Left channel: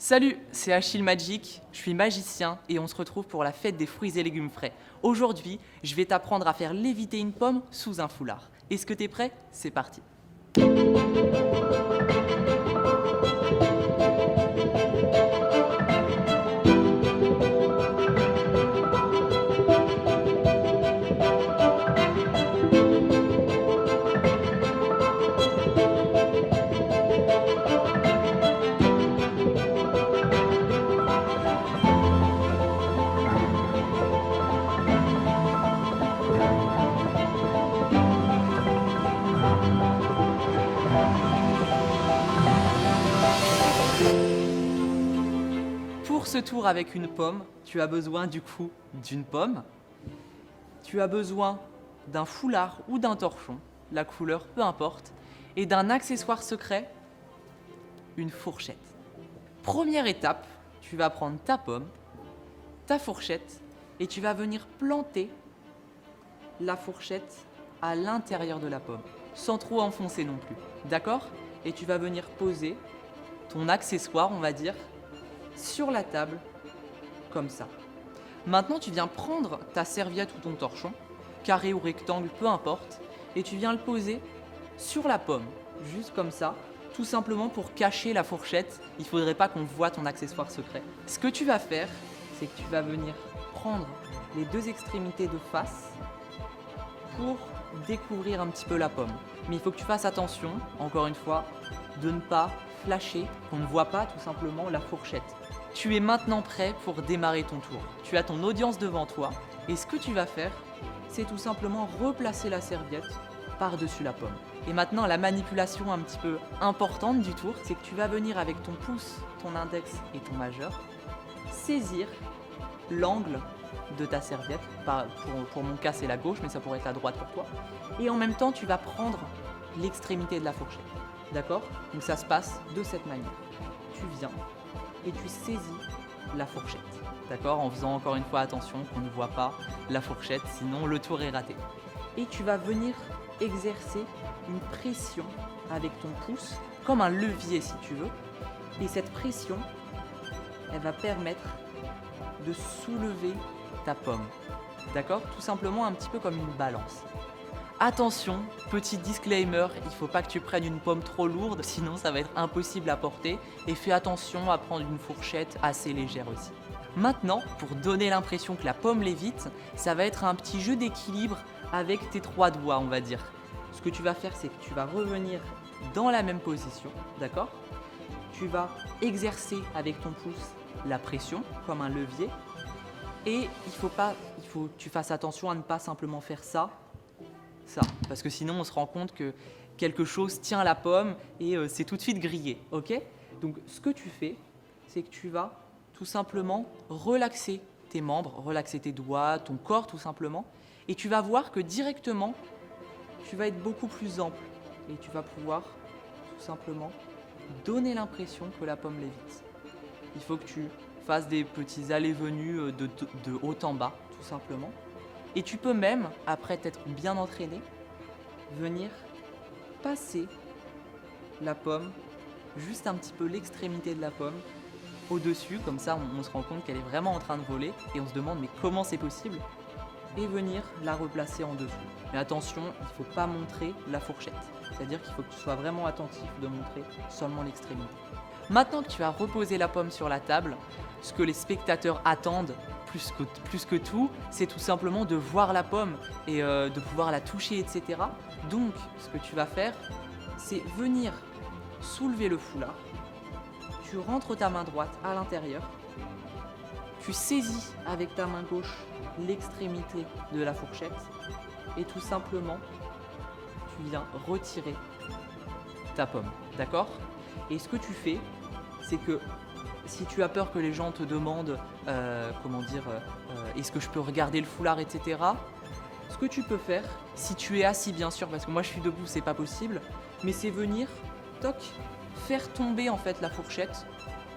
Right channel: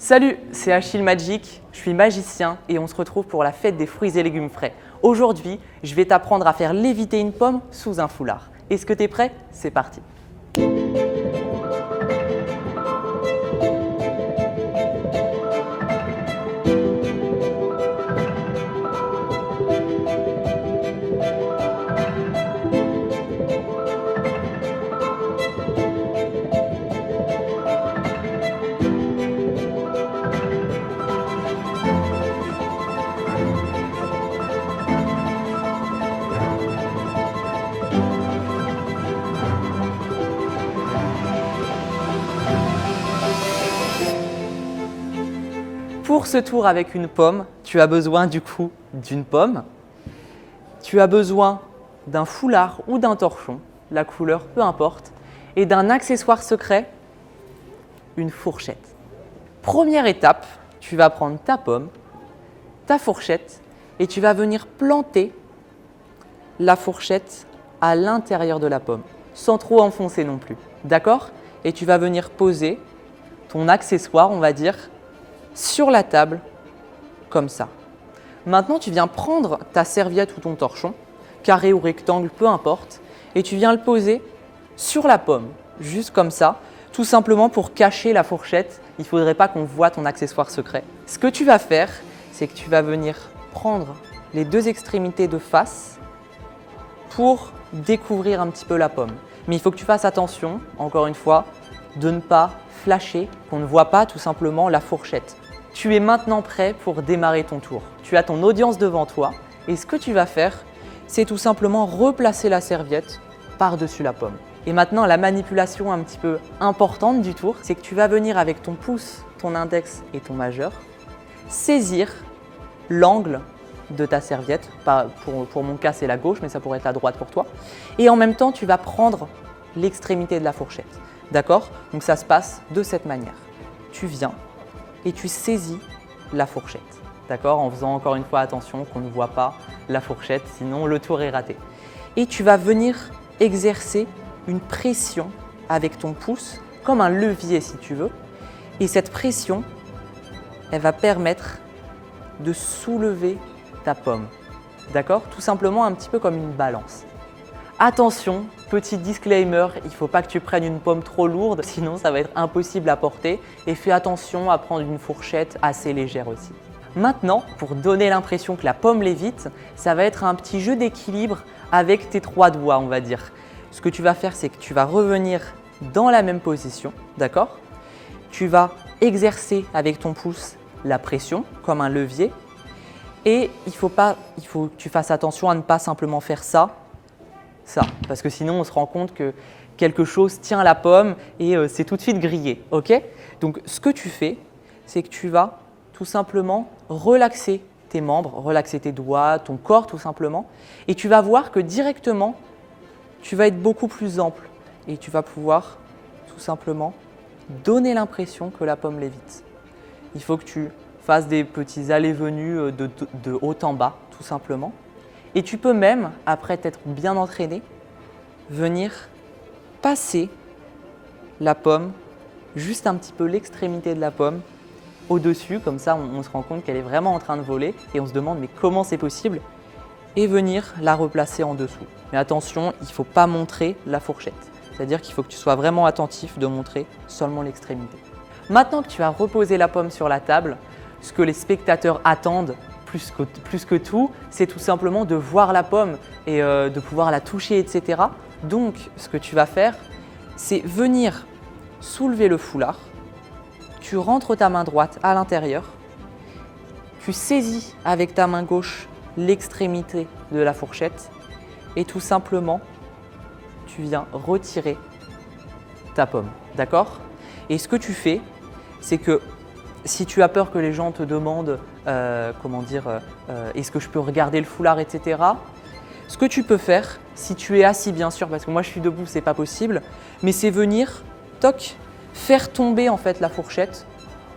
Salut, c'est Achille Magic, je suis magicien et on se retrouve pour la fête des fruits et légumes frais. Aujourd'hui, je vais t'apprendre à faire léviter une pomme sous un foulard. Est-ce que tu es prêt? C'est parti. Pour ce tour avec une pomme, tu as besoin d'une pomme, tu as besoin d'un foulard ou d'un torchon, la couleur peu importe, et d'un accessoire secret, une fourchette. Première étape, tu vas prendre ta pomme, ta fourchette et tu vas venir planter la fourchette à l'intérieur de la pomme, sans trop enfoncer non plus. D'accord? Et tu vas venir poser ton accessoire, on va dire, sur la table, comme ça. Maintenant, tu viens prendre ta serviette ou ton torchon, carré ou rectangle, peu importe, et tu viens le poser sur la pomme, juste comme ça, tout simplement pour cacher la fourchette. Il ne faudrait pas qu'on voit ton accessoire secret. Ce que tu vas faire, c'est que tu vas venir prendre les deux extrémités de face pour découvrir un petit peu la pomme. Mais il faut que tu fasses attention, encore une fois, de ne pas flasher, qu'on ne voit pas tout simplement la fourchette. Tu es maintenant prêt pour démarrer ton tour. Tu as ton audience devant toi et ce que tu vas faire, c'est tout simplement replacer la serviette par-dessus la pomme. Et maintenant, la manipulation un petit peu importante du tour, c'est que tu vas venir avec ton pouce, ton index et ton majeur, saisir l'angle de ta serviette. Pour mon cas, c'est la gauche, mais ça pourrait être la droite pour toi. Et en même temps, tu vas prendre l'extrémité de la fourchette. D'accord? Donc ça se passe de cette manière. Tu viens et tu saisis la fourchette. D'accord? En faisant encore une fois attention qu'on ne voit pas la fourchette, sinon le tour est raté. Et tu vas venir exercer une pression avec ton pouce, comme un levier si tu veux. Et cette pression, elle va permettre de soulever ta pomme. D'accord? Tout simplement un petit peu comme une balance. Attention, petit disclaimer, il ne faut pas que tu prennes une pomme trop lourde, sinon ça va être impossible à porter. Et fais attention à prendre une fourchette assez légère aussi. Maintenant, pour donner l'impression que la pomme lévite, ça va être un petit jeu d'équilibre avec tes trois doigts, on va dire. Ce que tu vas faire, c'est que tu vas revenir dans la même position, d'accord? Tu vas exercer avec ton pouce la pression comme un levier. Et il faut que tu fasses attention à ne pas simplement faire ça, parce que sinon on se rend compte que quelque chose tient la pomme et c'est tout de suite grillé. Ok? Donc ce que tu fais, c'est que tu vas tout simplement relaxer tes membres, relaxer tes doigts, ton corps tout simplement, et tu vas voir que directement, tu vas être beaucoup plus ample et tu vas pouvoir tout simplement donner l'impression que la pomme lévite. Il faut que tu fasses des petits allées-venues de haut en bas, tout simplement. Et tu peux même, après t'être bien entraîné, venir passer la pomme, juste un petit peu l'extrémité de la pomme, au-dessus, comme ça on se rend compte qu'elle est vraiment en train de voler et on se demande mais comment c'est possible, et venir la replacer en dessous. Mais attention, il ne faut pas montrer la fourchette, c'est-à-dire qu'il faut que tu sois vraiment attentif de montrer seulement l'extrémité. Maintenant que tu as reposé la pomme sur la table, ce que les spectateurs attendent plus que tout, c'est tout simplement de voir la pomme et de pouvoir la toucher, etc. Donc, ce que tu vas faire, c'est venir soulever le foulard, tu rentres ta main droite à l'intérieur, tu saisis avec ta main gauche l'extrémité de la fourchette et tout simplement, tu viens retirer ta pomme. D'accord? Et ce que tu fais, c'est que si tu as peur que les gens te demandent est-ce que je peux regarder le foulard, etc. Ce que tu peux faire, si tu es assis bien sûr, parce que moi je suis debout, c'est pas possible, mais c'est venir, toc, faire tomber en fait la fourchette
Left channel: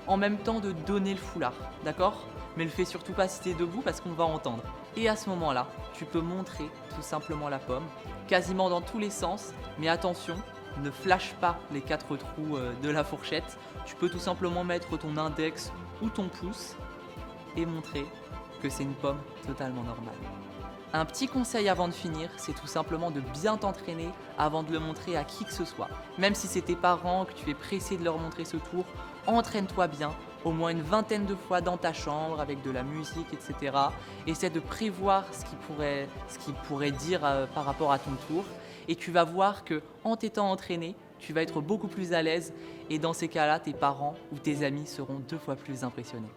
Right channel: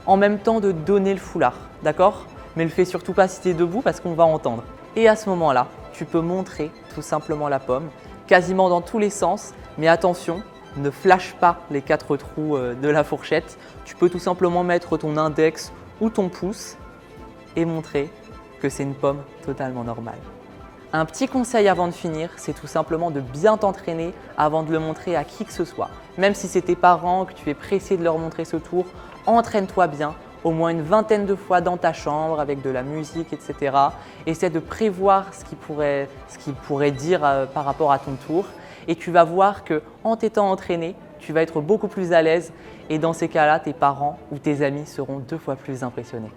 en même temps de donner le foulard, d'accord? Mais le fais surtout pas si tu es debout parce qu'on va entendre. Et à ce moment-là, tu peux montrer tout simplement la pomme, quasiment dans tous les sens, mais attention, ne flash pas les 4 trous de la fourchette. Tu peux tout simplement mettre ton index ou ton pouce et montrer que c'est une pomme totalement normale. Un petit conseil avant de finir, c'est tout simplement de bien t'entraîner avant de le montrer à qui que ce soit. Même si c'est tes parents, que tu es pressé de leur montrer ce tour, entraîne-toi bien, au moins une vingtaine de fois dans ta chambre avec de la musique, etc. Essaie de prévoir ce qu'il pourrait dire par rapport à ton tour et tu vas voir qu'en t'étant entraîné, tu vas être beaucoup plus à l'aise et dans ces cas-là, tes parents ou tes amis seront 2 fois plus impressionnés.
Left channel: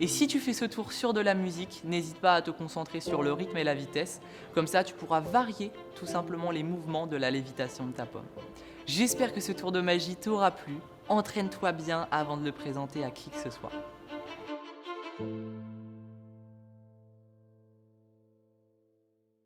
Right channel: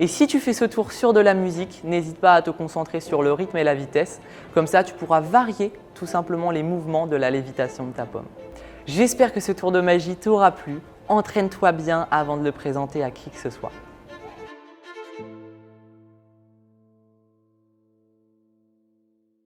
Et si tu fais ce tour sur de la musique, n'hésite pas à te concentrer sur le rythme et la vitesse. Comme ça, tu pourras varier tout simplement les mouvements de la lévitation de ta pomme. J'espère que ce tour de magie t'aura plu. Entraîne-toi bien avant de le présenter à qui que ce soit.